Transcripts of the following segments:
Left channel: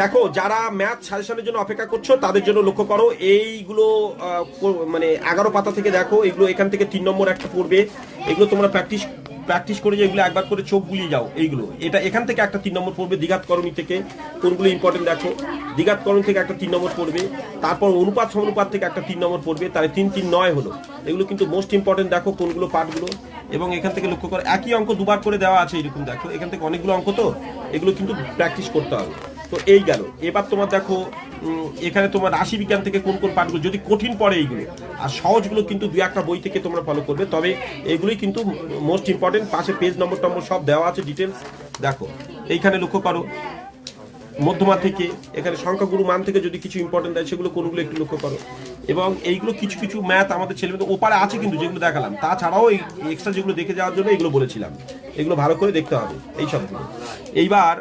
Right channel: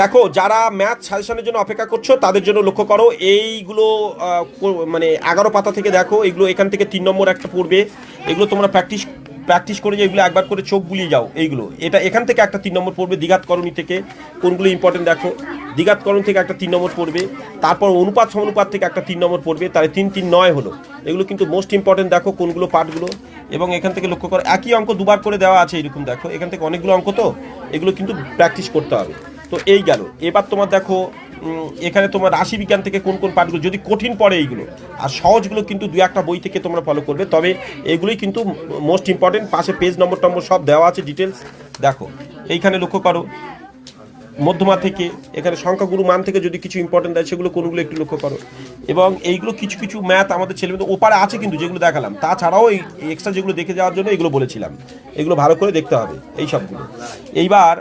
দেখো, যারা ম্যাথ সাজেশনের জন্য অপেক্ষা করছো তাদের জন্য লক্ষ্য করো এইগুলো মানে 11 পাতা থেকে দেখো, এগুলো এখান থেকে 3 নম্বর একটা পড়বে। এগুলো তোমরা প্র্যাকটিস করে যে এগুলো একবার করে চোখ বুলিয়ে যাও। এইগুলো এটা এখান থেকে একটা 3 নম্বর পড়বে। দ্বিঘাতকরণী থেকে কোনগুলো ইম্পর্টেন্ট দেখো, দ্বিঘাতকরণ থেকে একটা 3 নম্বর পড়বে। তারপর অনুপাত সমানুপাত থেকে একটা 3 নম্বর পড়বে। তাহলে 3 3 9 হলো। এগুলো কিন্তু মোস্ট ইম্পর্টেন্ট, দেখো কোনগুলো পার্টগুলো। এবং এখান থেকে লক্ষ্য করো একই অঙ্ক দুবার করে দেওয়া আছে এরকম, দেখো এখান থেকে অনেকগুলো অঙ্ক, তো এগুলো কিন্তু প্র্যাকটিস করতে হবে। তো এই গেল। এবার তোমার দেখো এখানে তোমার রাশি বিজ্ঞান থেকে কোন কোন পাঠগুলো যদি কঠিন পড়ে এইগুলো, আর সহজগুলো কিন্তু দু একটা বই থেকে তোমরা ফলো করবে, তবে এগুলোই কিন্তু মোস্ট ইম্পর্টেন্ট। পাশে পেজ নম্বর সব দেওয়া আছে ডিটেলস। দেখো এইখানে লক্ষ্য করো মধ্যমা থেকে এখানে সংখ্যাগুরু মান থেকে যদি কিছু ইম্পর্টেন্ট দেয় সেগুলো কোনগুলো একটু লক্ষ্য করো। এবং এইগুলো কিছু কিছু ম্যাথ আমাদের ছেলেমেয়েদের ওপারে আছে কিন্তু, যেগুলো দেখালাম, তাছাড়াও এই এক্সট্রা যেগুলো দেখে যাওয়ার জন্য এগুলো বলেছিলাম, এগুলো ভালো করে দেখতে হবে এই সবগুলো। এইবার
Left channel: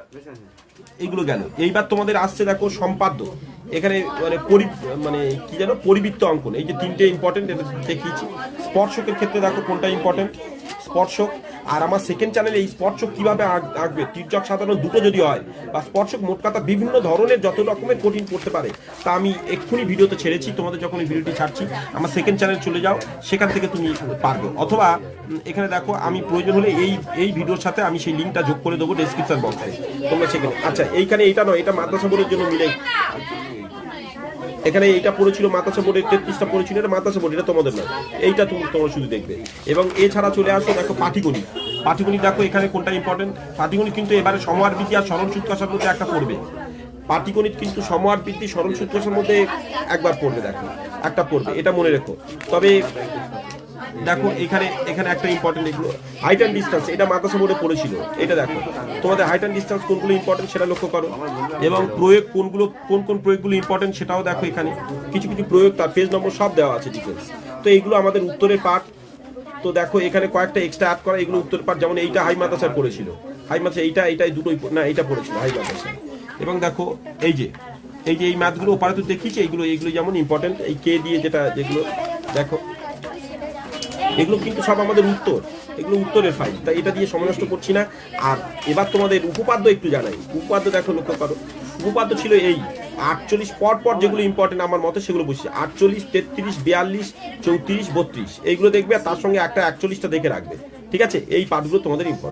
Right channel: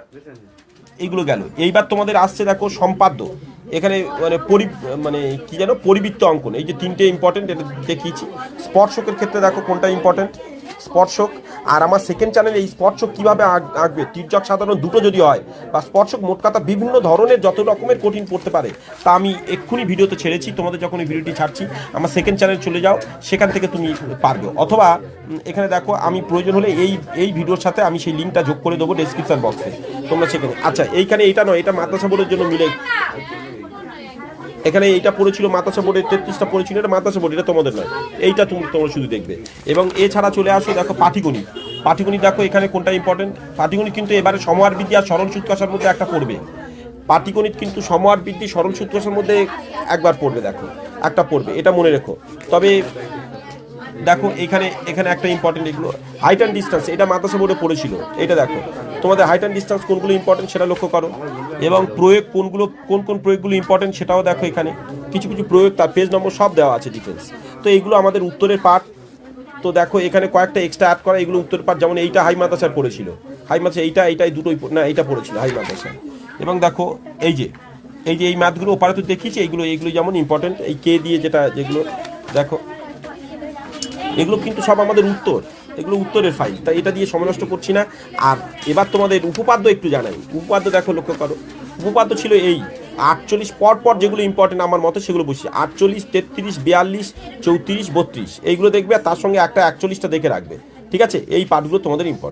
এইগুলো গেল। এইবার তোমাদের আসছে দেখো সম্পাদ্য। এখানে মানে কি জানো, পরিবৃত্ত অঙ্কন, এই যে 3টে ইম্পর্টেন্ট এটা দেখিয়েছি। স্পর্শকের ক্ষেত্রে দেখো কোনটা ইম্পর্টেন্ট, স্পর্শক। আর আমার সেকেন্ড চ্যানেলে এই স্পর্শক কীভাবে আঁকবে, তির্যক সাধারণ দুটো যদি হয় বা স্পর্শক, মোট কথা বিভিন্ন ধরনের যত রকমের কঠিন পড়তে পারে তা আমি এক্ষুনি ভিডিওতে ছেড়েছি। তোমাদের যখন এই ভিডিওটি ছাড়ছি আমার সেকেন্ড চ্যানেল চলে যাও, সেখান থেকে তুমি পারবে। অথবা এখানে দেখো আমি প্রয়োজন হলে এই ভিডিওর সাথে আমি সেই লিঙ্কটা যোগ করে দেবো ডেসক্রিপশন বক্সে, তোমরা সেখানে। আচ্ছা এইখানে এইটা নয়, এটা মাদ্রাসা বোর্ডের জন্য মিলে, এখানে এইটা পড়েছিল মাদ্রাসা বোর্ডের 33টা পড়েছিল, এটা মাদ্রাসা বোর্ড, এটা তোমাদের নয়, এইটা তোমরা শুধু দেখবে। এবং এছাড়া চলে আসো দেখো পাটিগণিত। পাটিগণিত দেখো এখানে কোনটা ইম্পর্টেন্ট। পাটিগণিত কিন্তু এবারে সমহার বৃদ্ধি আর সরল সূত্রাসার মধ্যে একটা পড়বে। পাটিগণিত কিন্তু সমহার বৃদ্ধি সরল সূত্রাসার মধ্যে একবার পড়বে, দেখো একটা পড়বে, এটা মনে রেখো। তবে দেখো এখানে একটা ইম্পর্টেন্ট, এগুলো হাইট অ্যান্ড ডিস্টেন্স, এটা মাদ্রাসা বোর্ডে পড়েছিল, এটা দেখো তোমাদের হাইট অ্যান্ড ডিস্টেন্স কোনগুলো ইম্পর্টেন্ট সেটা লক্ষ্য করো। এবং প্রয়োগ কোন প্রয়োগগুলো ইম্পর্টেন্ট সেটাও দেখো, এখানে কিছু কিছু প্রয়োগ তার পেজ নম্বর সব দেওয়া আছে ডিটেলস। তো এইগুলো আমাদের উত্তরের পার্ট। তো দেখো এখানে কয়েকটা এক্সট্রা অ্যাড করা, এগুলো উত্তরের পার্ট। যেমন এইটা হাই মাদ্রাসার পড়েছিল, হাই মাদ্রাসা এইটাই দুটোই না, এইটা পড়েছিল হাই মাদ্রাসা। এবং দেখো এই যে এই ম্যাথগুলো ওপারে তো দেখিয়েছি, এইগুলো যেমন ইম্পর্টেন্ট, এই কে দিয়ে যেগুলো দেখো, এগুলো কিন্তু সব আমাদের উত্তর, এগুলো উত্তরের ফাইল, তাই এটা দিয়ে সময় নষ্ট করছি না। আর এবার তোমাদের উপপাদ্য একটু জানাই। উপপাদ্য দেখো লক্ষ্য করো, উপপাদ্য ছিল এই 48 পর যেগুলো ইম্পর্টেন্ট আমার মতে সেগুলো বসছি, 48, 33, 42, 34, 32 এইগুলো দেখবে, আর তার সঙ্গে একটা 41টা দেখে রাখবে, ঠিক আছে? এই পার্টগুলো তোমাদের ইম্পর্টেন্ট।